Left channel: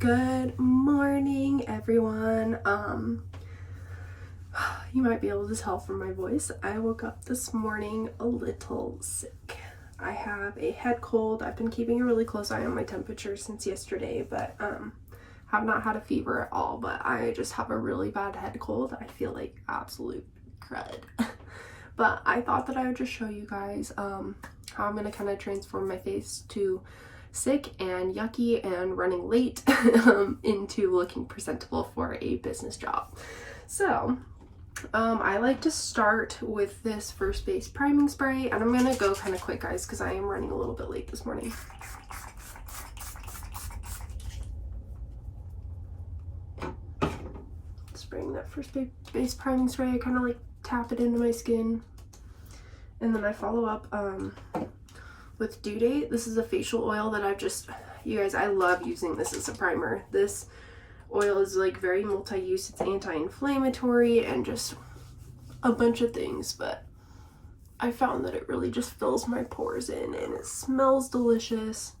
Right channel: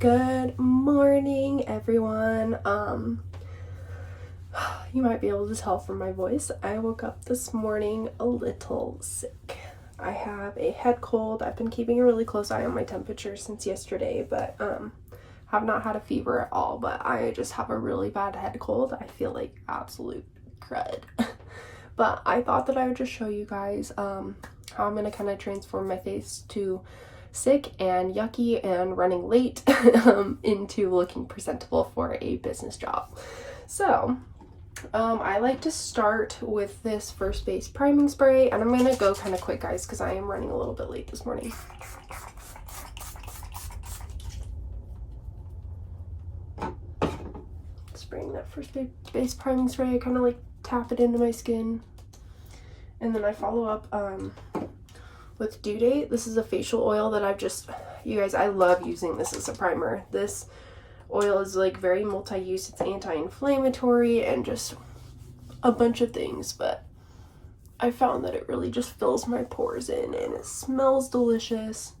Good morning, everyone. You might be able to tell from my voice, I woke up this morning a little sick. I have a head cold. I've been keeping a really close eye on my temperature since yesterday, but have not had a fever at all, but I just have a really bad head cold. I feel like absolute crud. But I thought that I would just show you guys how I'm going to kind of transform my face to sick and yucky and running late into looking presentable for a business job. So I like to start with this First Base priming spray, and I'm going to go kind of quick, guys, because I am running a little bit late this morning. Spraying that First Base priming spray, I kind of like tap it into my skin, and then I follow up with Due Date. This is a facial oil that I've just, you guys, I love using this as a primer. This oil is like very multi-use. It's anti-inflammatory and just a bunch of things, but I found that it really just fills my pores in and it smells delicious.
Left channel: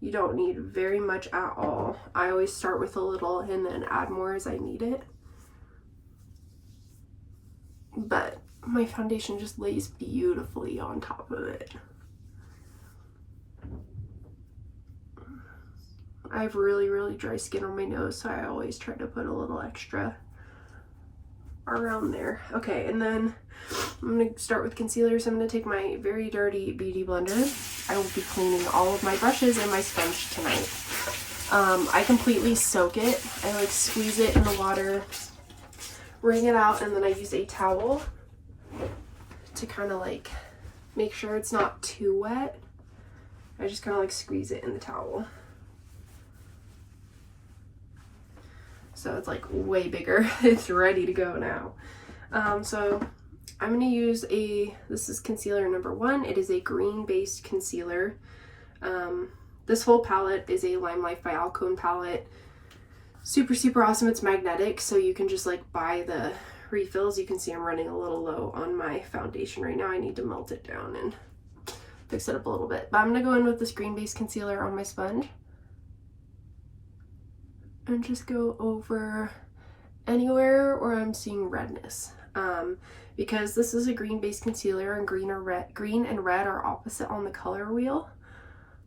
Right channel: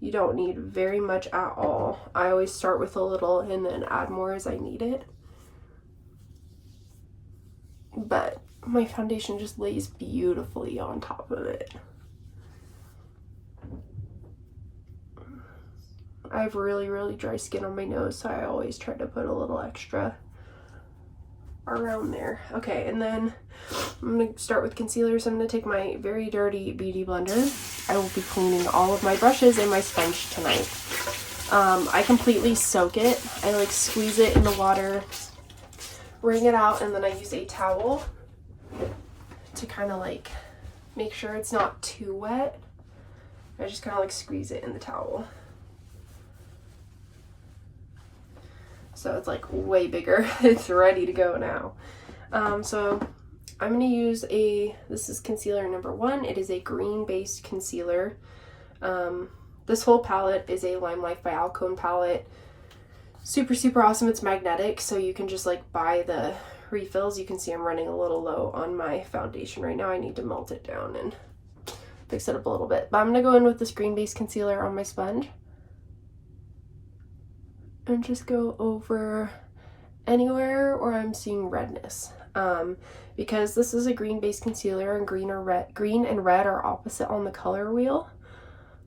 You don't need very much at all. I always start with a little and then add more as I need it. But my foundation just lays beautifully on top of it. I have really dry skin on my nose, so I always try to put a little extra around there. Okay, and then I'm going to start with concealer. So I'm going to take my very dirty beauty blender. I will be cleaning all of my brushes and my sponge tonight. I completely soak it. I like squeeze it in the water, wring it out, and then I use a towel to kind of like make sure it's not too wet. I just kind of like squeeze it in the towel. So it's like way bigger. It's ready to go now. So I'm going to use this is concealer number 1. It is a green based concealer. This whole palette is a Limelight by Alcone palette. Super awesome. It's magnetic, so you can just like buy the refills. You can see I'm running a little low on my foundation right now. I need to melt it down and fix it up a little bit. But I'm going to go in with this green based concealer on my sponge and just go over anywhere where I'm seeing redness. Because this is a green based concealer and green and red are opposite on the color wheel.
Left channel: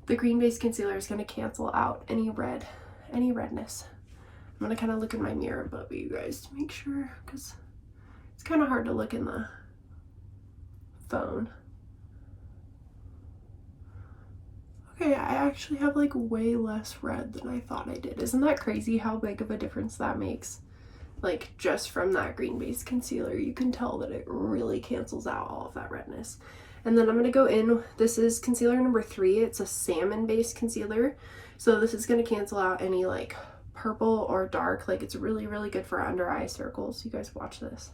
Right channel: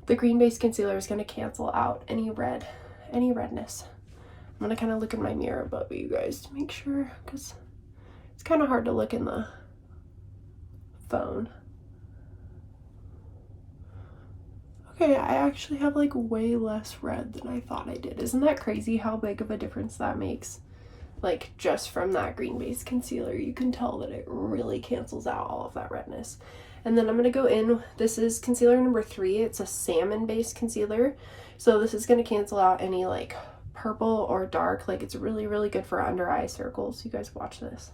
The green based concealer is going to cancel out any redness. I'm going to kind of look in my mirror above you guys to make sure, because it's kind of hard to look in the phone. Okay, I actually have like way less red than I thought I did. Isn't that crazy how big of a difference that makes? Like just from that green based concealer, you can tell that it really cancels out all of that redness. And then I'm going to go in, this is concealer number 3. It's a salmon based concealer. So this is going to cancel out any like purple or dark. Like it's really good for under eye circles. You guys watch this.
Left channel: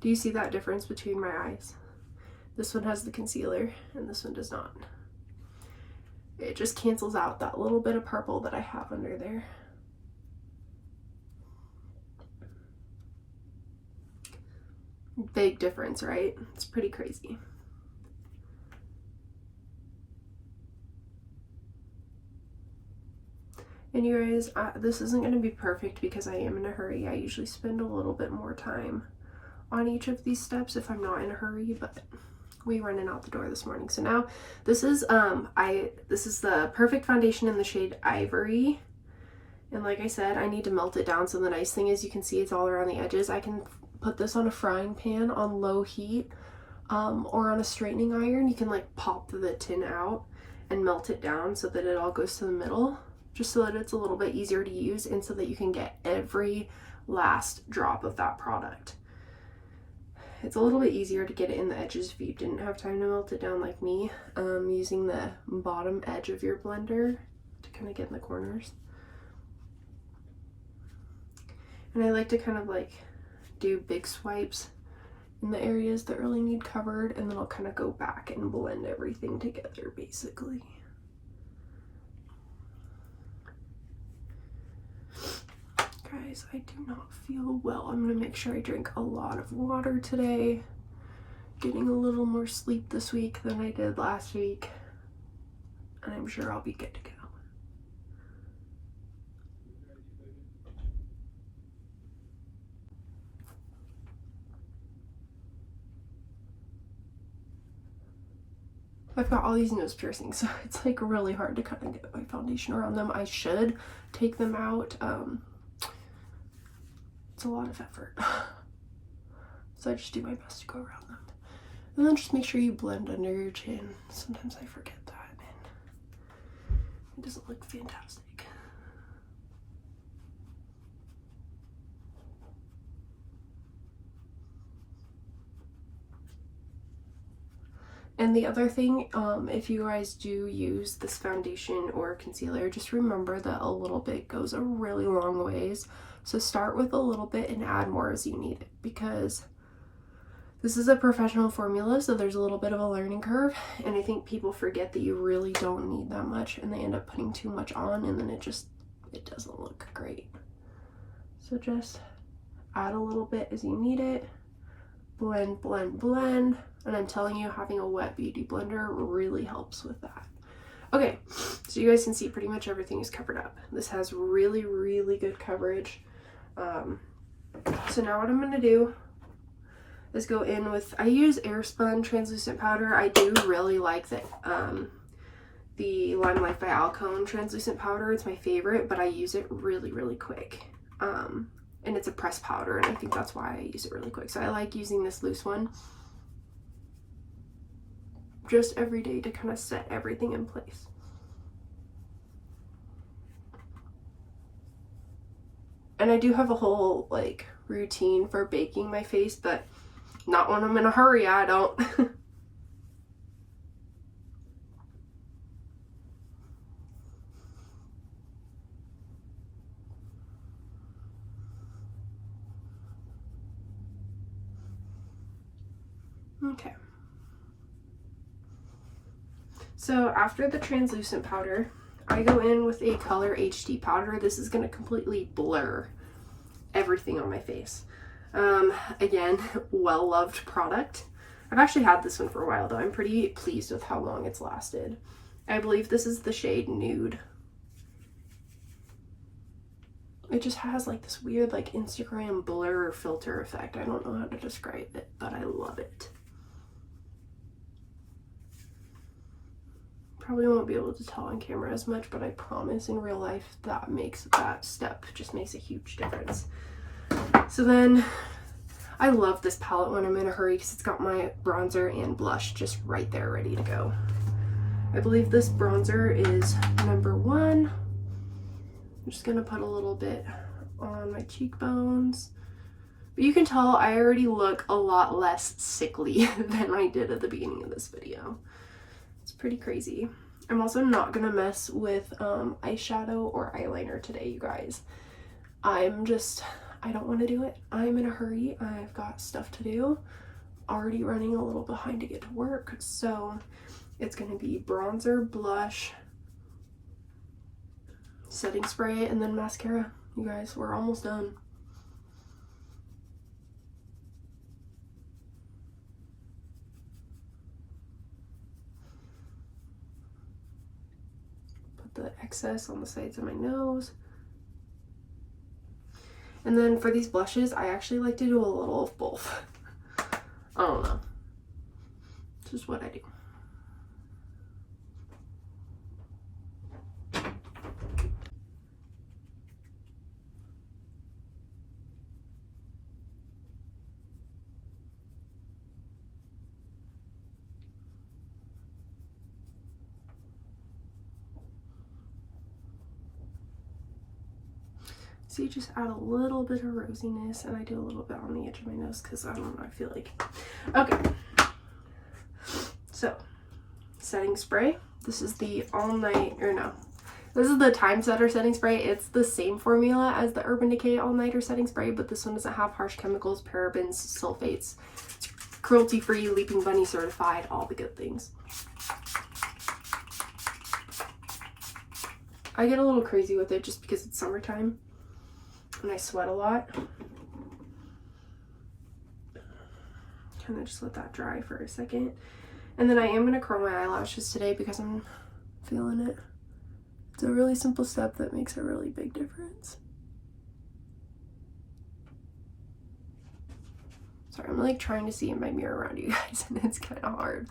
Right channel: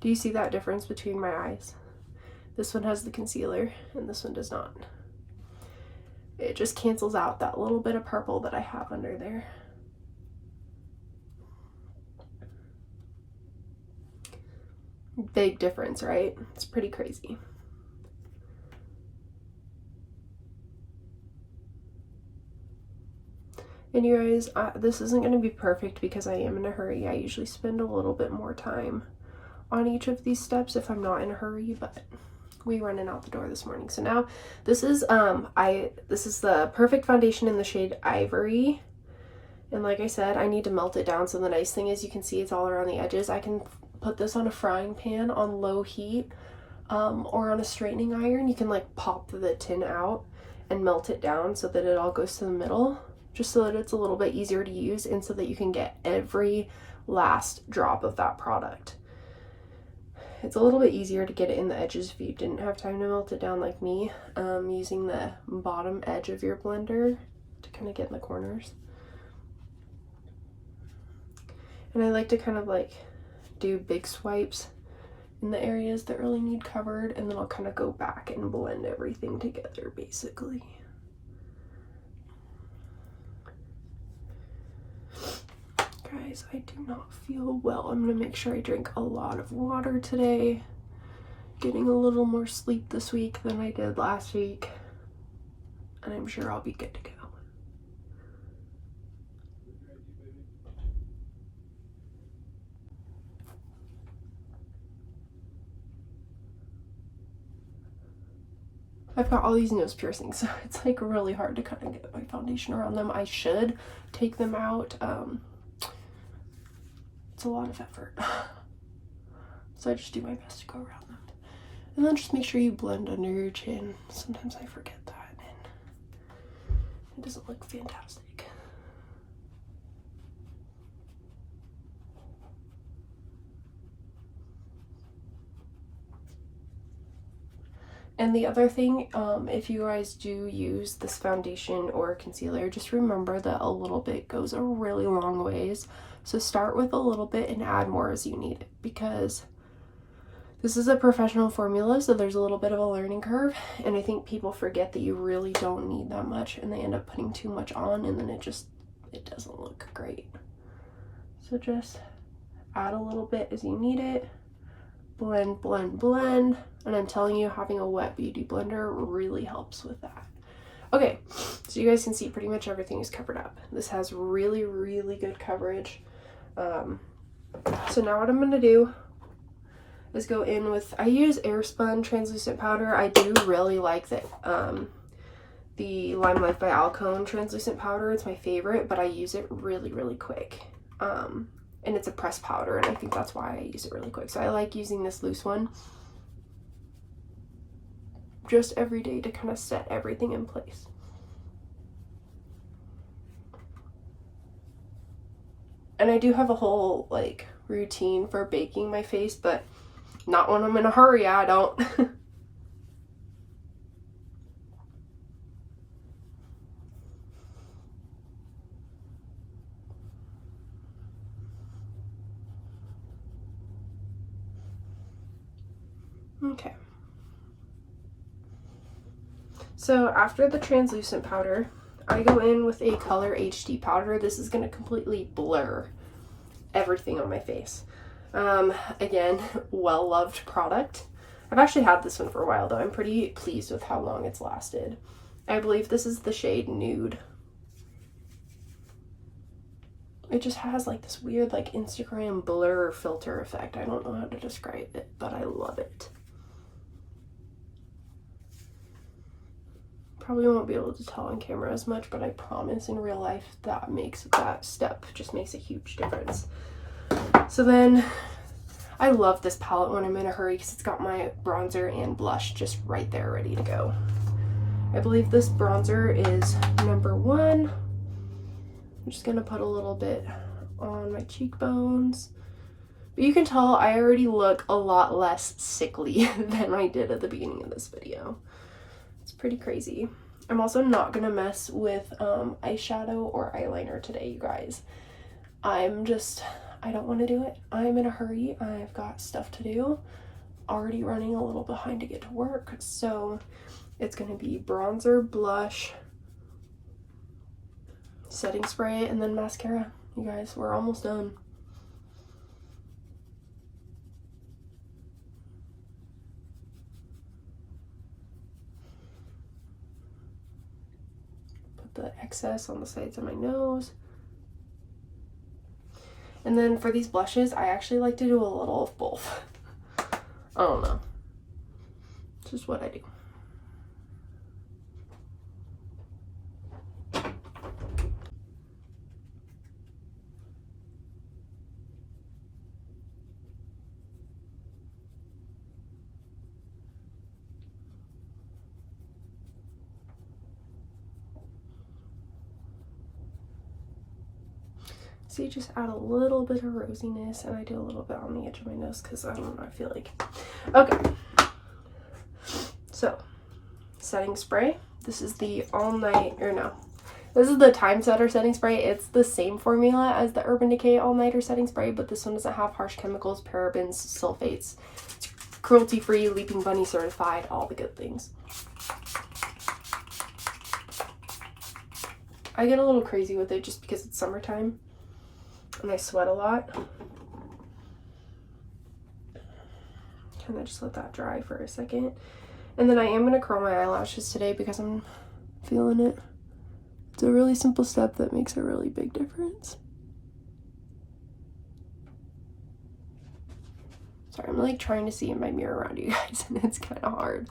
Do you see that difference between my eyes? This one has the concealer and this one does not. It just cancels out that little bit of purple that I have under there. Big difference, right? It's pretty crazy. And you guys, this isn't going to be perfect because I am in a hurry. I usually spend a little bit more time on each of these steps if I'm not in a hurry, but we running out the door this morning. So now this is the perfect foundation in the shade Ivory. And like I said, I need to melt it down. So the nice thing is you can see it's all around the edges. I can put this on a frying pan on low heat or on a straightening iron. You can like pop the tin out and melt it down so that it all goes to the middle, just so that it's a little bit easier to use and so that you can get every last drop of that product. It's a little bit easier to get it in the edges if you didn't have time to melt it down like me, using the bottom edge of your blender to kind of get in the corners. And I like to kind of like do big swipes in the areas that really need covered, and then I'll kind of go back and blend everything together basically. Guys, I do not feel well. I'm gonna make sure I drink a lot of water today. Getting a little more sleep this week than I did last week. and I'm sure I'll be good to go. I've got all these nose piercings, so it's like really hard to kind of get my foundation around them. I should take them out. It's a lot of effort. So I just do my best to go around them. And then just make sure you blend under your chin. Sometimes I forget that and it doesn't look fantastic. And the other thing, if you guys do use this foundation or concealer, just remember that a little bit goes a really long ways. So start with a little bit and add more as you need it, because this is a professional formula, so there's a little bit of a learning curve, and I think people forget that you really don't need that much, and they end up putting too much on, and then it doesn't look great. So just add a little bit as you need it. Blend, blend, blend. And I'm telling you, having a wet beauty blender really helps with that. Okay, so you guys can see pretty much everything is covered up. This has really, really good coverage. So now what I'm going to do is go in with, I use Airspun translucent powder. I do really like the Limelight by Alcone translucent powder. It's my favorite, but I use it really, really quick. And it's a pressed powder, and I think that's why I use it really quick. So I like using this loose one just every day to kind of set everything in place. And I do have a whole like routine for baking my face, but not when I'm in a hurry, I don't. Okay. So after the translucent powder, I go in with a Color HD powder. This is going to completely blur everything on my face. Again, well-loved product. I've actually had this one for a while though. I'm pretty pleased with how long it's lasted. I believe this is the shade Nude. It just has like this weird like Instagram blur filter effect. I don't know how to describe it, but I love it. Probably won't be able to tell on camera as much, but I promise in real life that step just makes a huge difference. So then I love this palette when I'm in a hurry because it's got my bronzer and blush just right there ready to go. I believe this bronzer is number 1. I'm just gonna put a little bit on my cheekbones. But you can tell I already look a lot less sickly than I did at the beginning of this video. It's pretty crazy. I'm also not gonna mess with eyeshadow or eyeliner today, you guys. I don't want to do it. I'm in a hurry. I've got stuff to do. Already running a little behind to get to work. So it's gonna be bronzer, blush, setting spray, and then mascara. You guys, we're almost done. The excess on the sides of my nose. And then for these blushes, I actually like to do a little of both. I don't know. It's just what I do. So you just add a little bit of rosiness, and I do a little bit on the edge of my nose because I don't know, I feel like. Okay. So, setting spray. This is the this is the Time Setter setting spray. It's the same formula as the Urban Decay All Nighter setting spray, but this one doesn't have harsh chemicals, parabens, sulfates. It's cruelty-free, Leaping Bunny certified, all the good things. I get a little crazy with it just because it's summertime and I sweat a lot. Kind of just let that dry for a second. And then I am going to curl my eyelashes today because I'm Feeling it? It's a really simple step that makes a really big difference. Sorry, I'm like trying to see in my mirror around you guys, and it's kind of hard.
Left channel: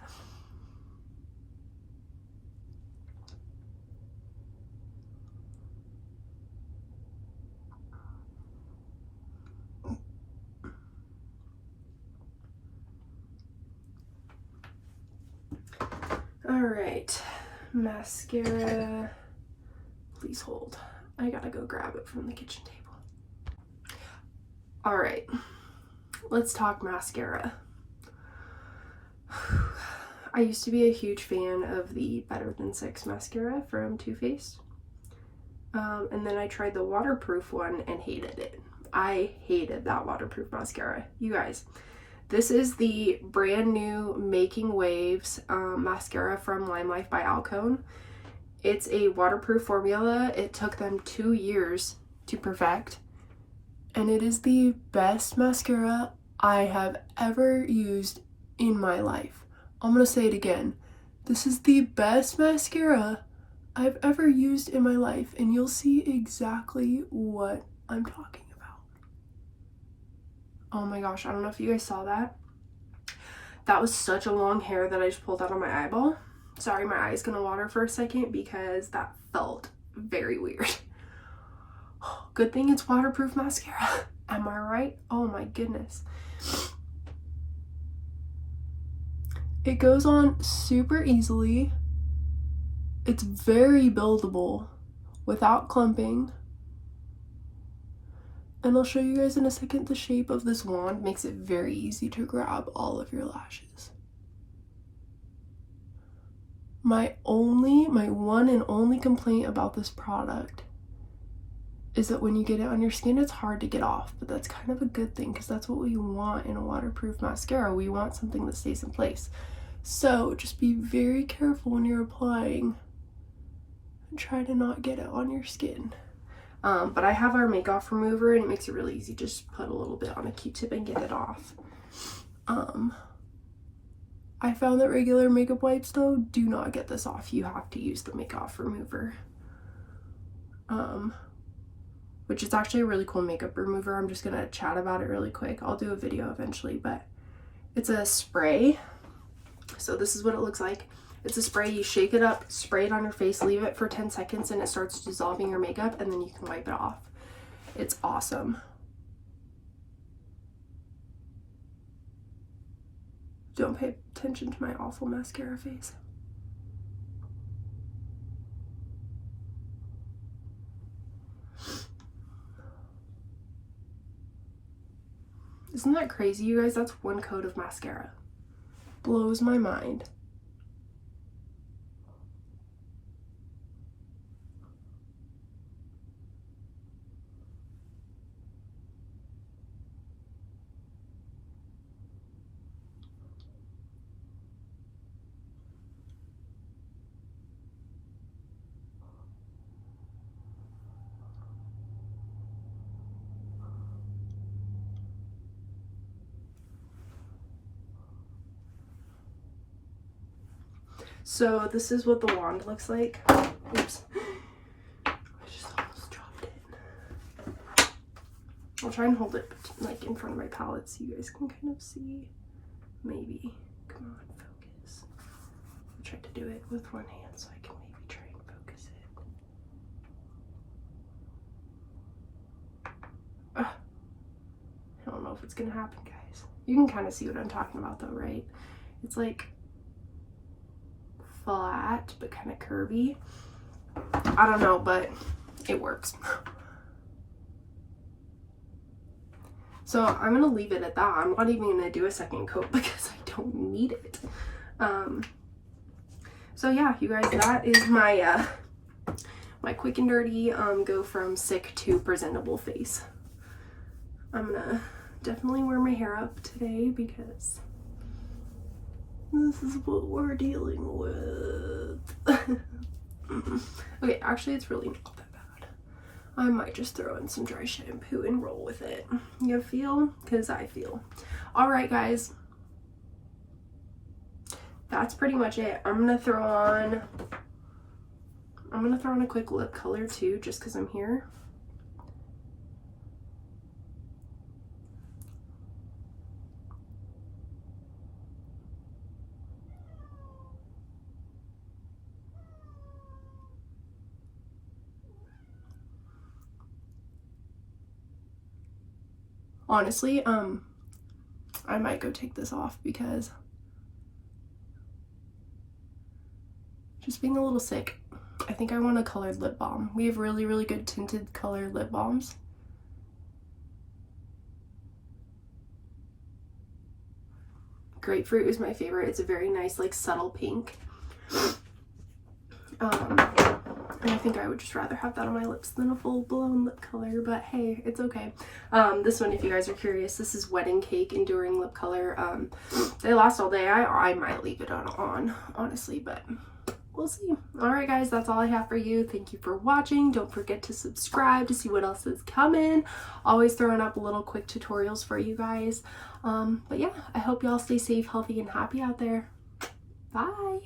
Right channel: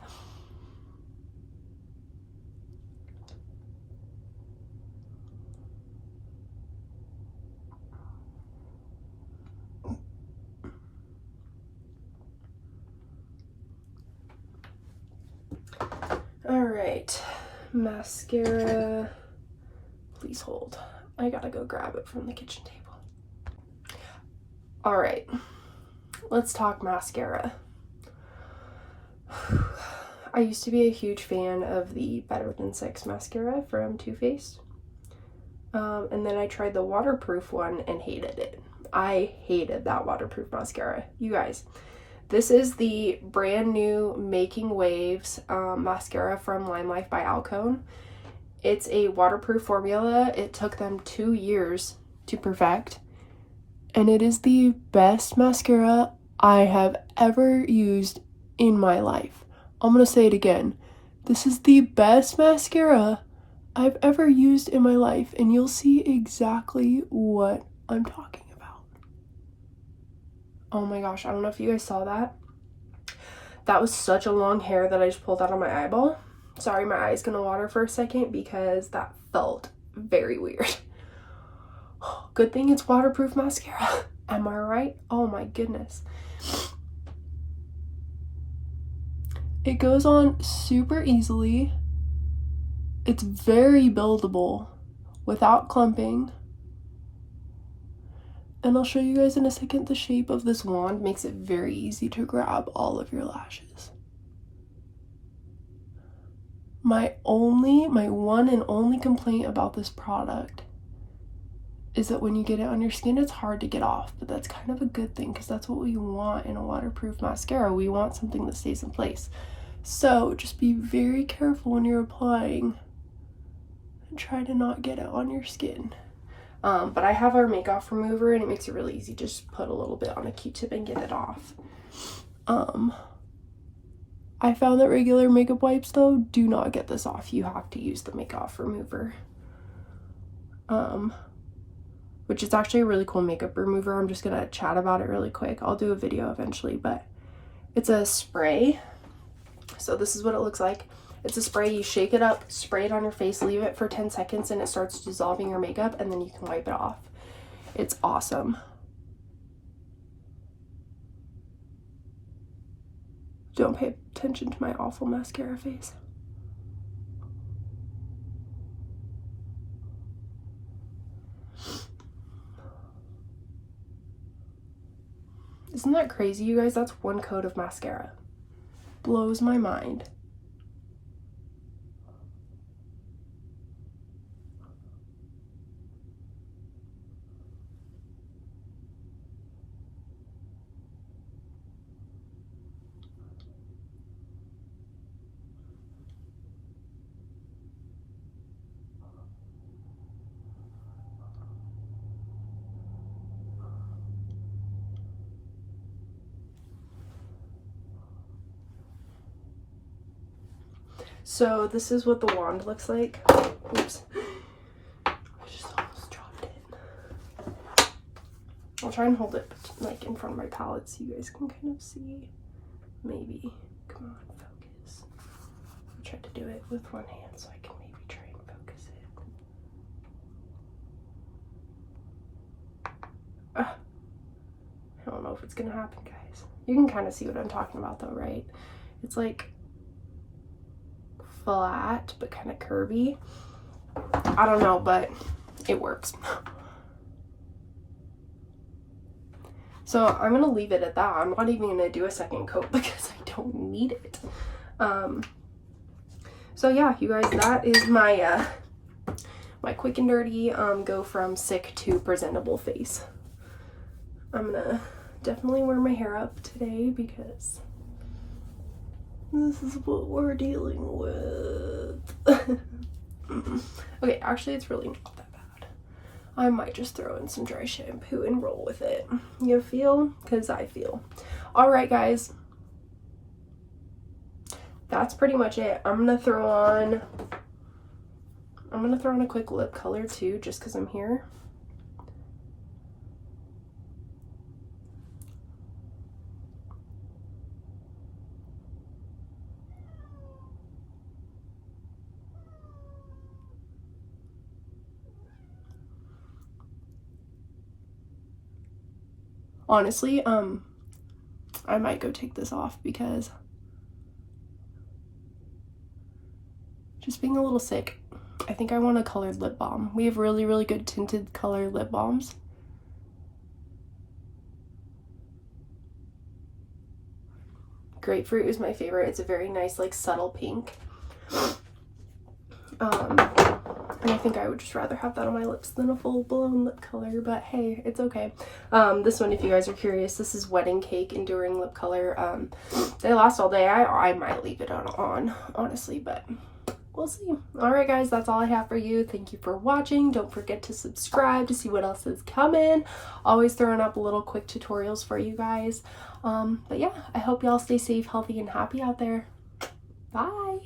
All right, mascara. Please hold. I gotta go grab it from the kitchen table. All right, let's talk mascara. I used to be a huge fan of the Better Than Sex mascara from Too Faced. And then I tried the waterproof one and hated it. I hated that waterproof mascara. You guys, this is the brand new Making Waves mascara from Lime Life by Alcone. It's a waterproof formula. It took them 2 years to perfect. And it is the best mascara I have ever used in my life. I'm gonna say it again. This is the best mascara I've ever used in my life, and you'll see exactly what I'm talking about. Oh my gosh, I don't know if you guys saw that. That was such a long hair that I just pulled out on my eyeball. Sorry, my eye's gonna water for a second because that felt very weird. Good thing it's waterproof mascara. Am I right? Oh my goodness. It goes on super easily. It's very buildable without clumping. And I'll show you guys in a second, the shape of this wand makes it very easy to grab all of your lashes. My one and only complaint about this product is that when you get it on your skin, it's hard to get off, but that's kind of a good thing because that's what we want in a waterproof mascara. We want something that stays in place. So just be very careful when you're applying and try to not get it on your skin. But I have our make off remover and it makes it really easy. Just put a little bit on a Q-tip and get it off. I found that regular makeup wipes though do not get this off. You have to use the make off remover. Which is actually a really cool makeup remover. I'm just gonna chat about it really quick. I'll do a video eventually, but it's a spray. So this is what it looks like. It's a spray. You shake it up, spray it on your face, leave it for 10 seconds, and it starts dissolving your makeup, and then you can wipe it off. It's awesome. Don't pay attention to my awful mascara face. Isn't that crazy, you guys? That's one coat of mascara. Blows my mind. So this is what the wand looks like. Oops. I just almost dropped it. I'll try and hold it like in front of my palette so you guys can kind of see. Maybe. Come on, focus. I'll try to do it with one hand so I can maybe try and focus it. I don't know if it's gonna happen, guys. You can kind of see what I'm talking about though, right? It's like flat but kind of curvy. I don't know, but it works. So I'm gonna leave it at that. I'm not even gonna do a second coat because I don't need it. So yeah, you guys, that is my my quick and dirty go from sick to presentable face. I'm gonna definitely wear my hair up today because this is what we're dealing with. Okay, actually it's really not that bad. I might just throw in some dry shampoo and roll with it. You feel? Because I feel. Alright guys. That's pretty much it. I'm gonna throw on I'm gonna throw on a quick lip color too, just because I'm here. Honestly, I might go take this off because just being a little sick. I think I want a colored lip balm. We have really, really good tinted colored lip balms. Grapefruit is my favorite. It's a very nice, like, subtle pink. And I think I would just rather have that on my lips than a full-blown lip color, but hey, it's okay. This one, if you guys are curious, this is Wedding Cake Enduring Lip Color. They last all day. I might leave it on, honestly, but we'll see. Alright guys, that's all I have for you. Thank you for watching. Don't forget to subscribe to see what else is coming. Always throwing up little quick tutorials for you guys. But yeah, I hope y'all stay safe, healthy, and happy out there. Bye!